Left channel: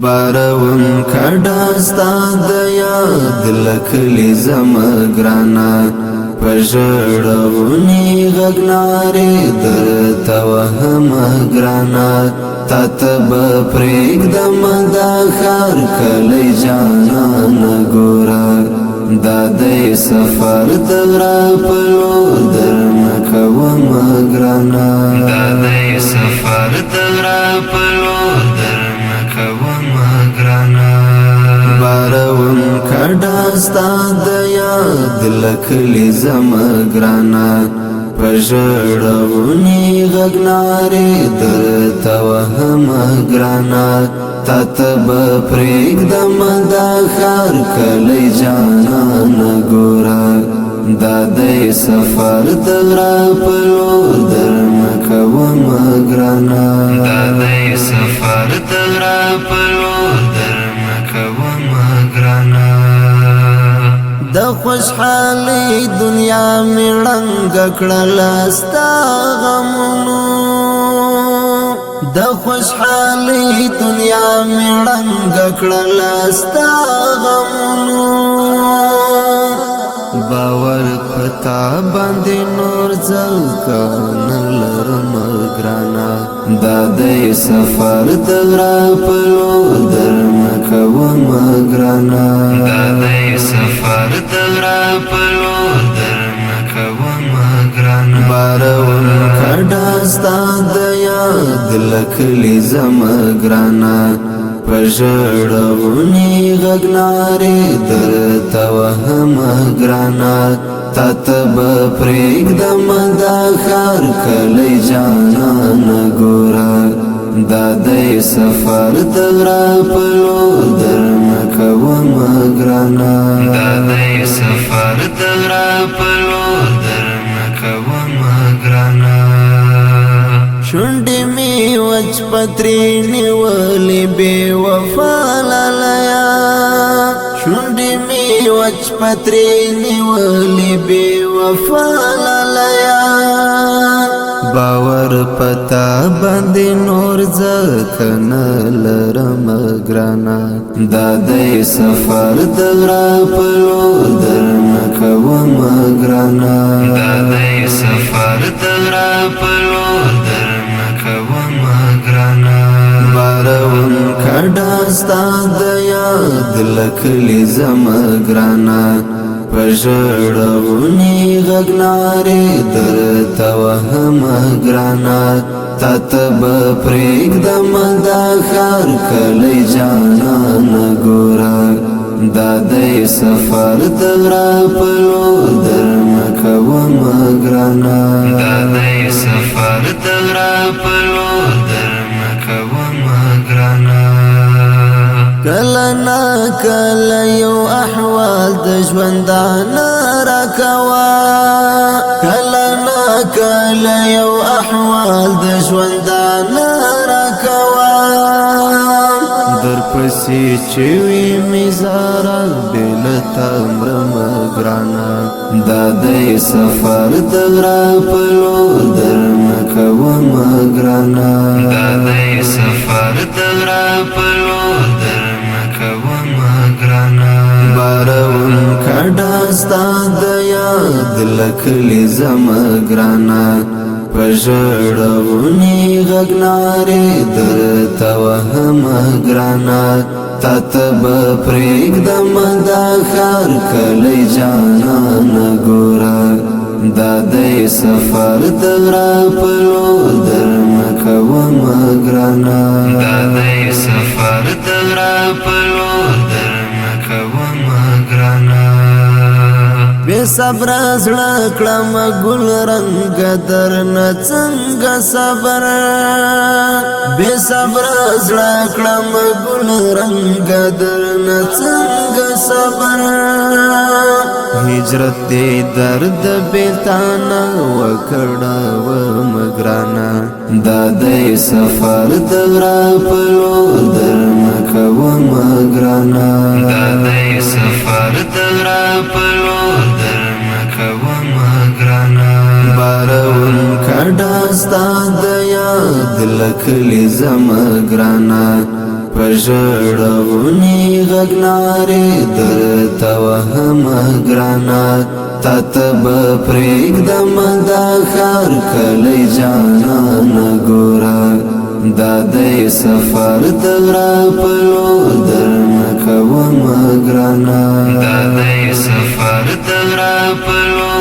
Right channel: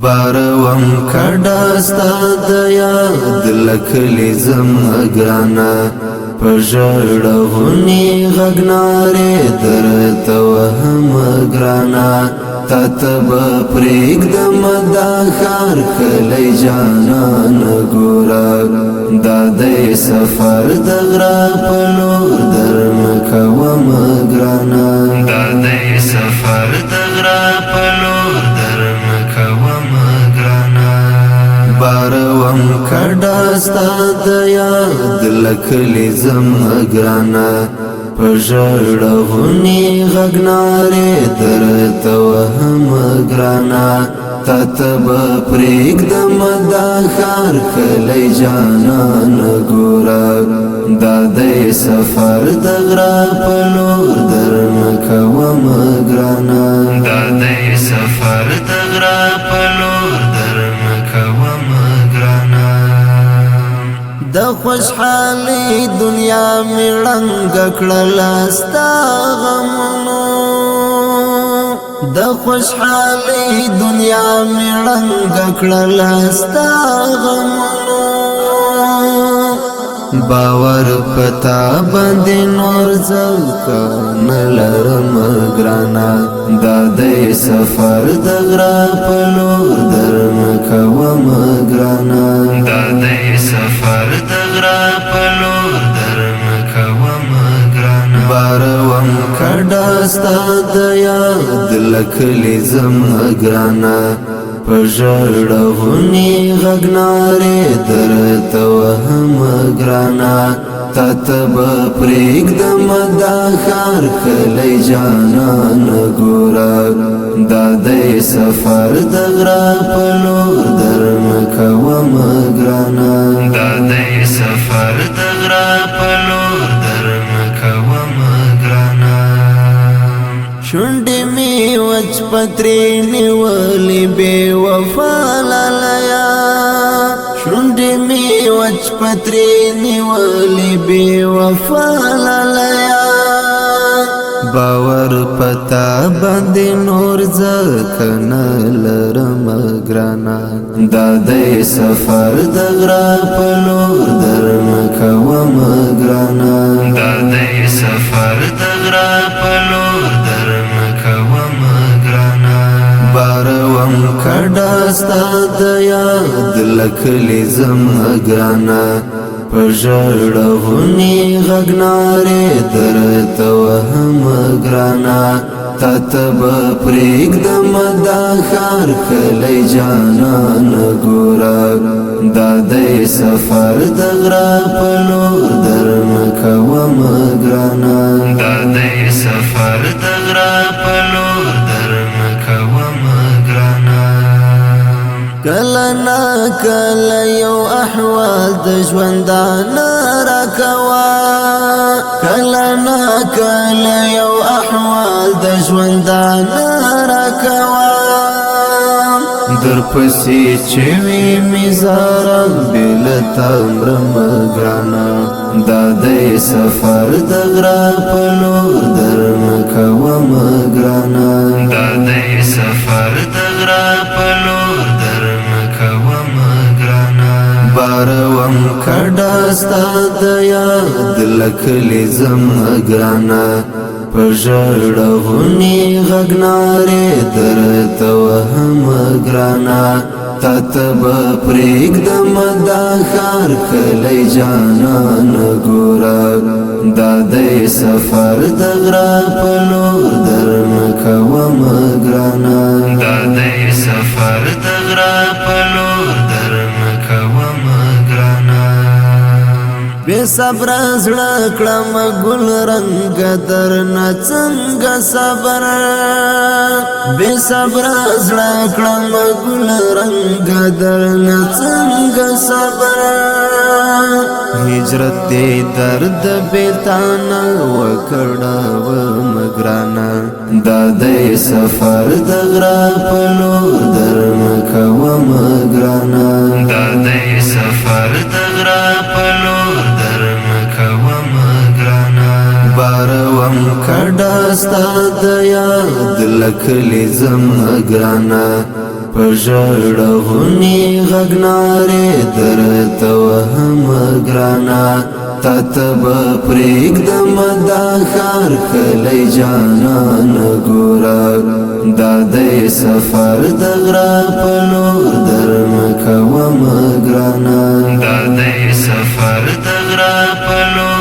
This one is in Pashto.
باروم کډا ستا د یاد لکلی زما ګرانا پژړونی غګناره درته وهم ګرانا تتب پرېږدم دا ښار کلی جانان ګوره دا د سفر د غره په لور درنه کوم ګرانا دا د سفر د غره په لور درنه کوم ګرانا باروم کډا ستا د یاد لکلی زما ګرانا پژړونی غګناره درته وهم ګرانا تتب پرېږدم دا ښار کلی جانان ګوره دا د سفر د غره په لور درنه کوم ګرانا دا د سفر د غره په لور درنه کوم ګرانا د خوشحالي دنیا می رنګ کړل ستا غمونو د خوشحالي دنیا می رنګ کړل ستا غمونو باور پتا باندې نور ځکه نه لرم ګرانا دا د سفر د غره په لور درنه کوم ګرانا دا د سفر د غره په لور درنه کوم ګرانا باروم کډا ستا د یاد لکلی زما ګرانا پژړونی غګناره درته وهم ګرانا تتب پرېږدم دا ښار کلی جانان ګوره دا د سفر د غره په لور درنه کوم ګرانا دا د سفر د غره په لور درنه کوم ګرانا شونډې می وچ پترې نیولې بې وفا لالیه شونډې می وچ پترې نیولې بې وفا لالیه باور پتا باندې نور ځکه نه لرم ګرانا دا د سفر د غره په لور درنه کوم ګرانا دا د سفر د غره په لور درنه کوم ګرانا باروم کډا ستا د یاد لکلی زما ګرانا پژړونی غګناره درته وهم ګرانا تتب پرېږدم دا ښار کلی جانان ګوره دا د سفر د غره په لور درنه کوم ګرانا دا د سفر د غره په لور درنه کوم ګرانا کله نا کله یو احوال د ژوندانه راکوه کله نا کله یو احوال د ژوندانه راکوه درپسې چې وي مې زاره بېلته مرم ګرانا دا د سفر د غره په لور درنه کوم ګرانا دا د سفر د غره په لور درنه کوم ګرانا باروم کډا ستا د یاد لکلی زما ګرانا پژړونی غګناره درته وهم ګرانا تتب پرېږدم دا ښار کلی جانان ګوره دا د سفر د غره په لور درنه کوم ګرانا دا د سفر د غره په لور درنه کوم ګرانا بے صبر زړه کړم ګل رنگ درنه څنګه صبر بے صبر زړه کړم ګل رنگ درنه څنګه صبر هجرت دې درد بیلتانه وکړه و مګرانا دا د سفر د غره په لور درنه کوم ګرانا دا د سفر د غره په لور درنه کوم ګرانا باروم کډا ستا د یاد لکلی زما ګرانا پژړغونی غگناره درته وهم گرانا تا تب پریږدم دا ښار کلی جانان ګوره دا د سفر د غره په لور درنه کوم ګرانه دا د سفر د غره په لور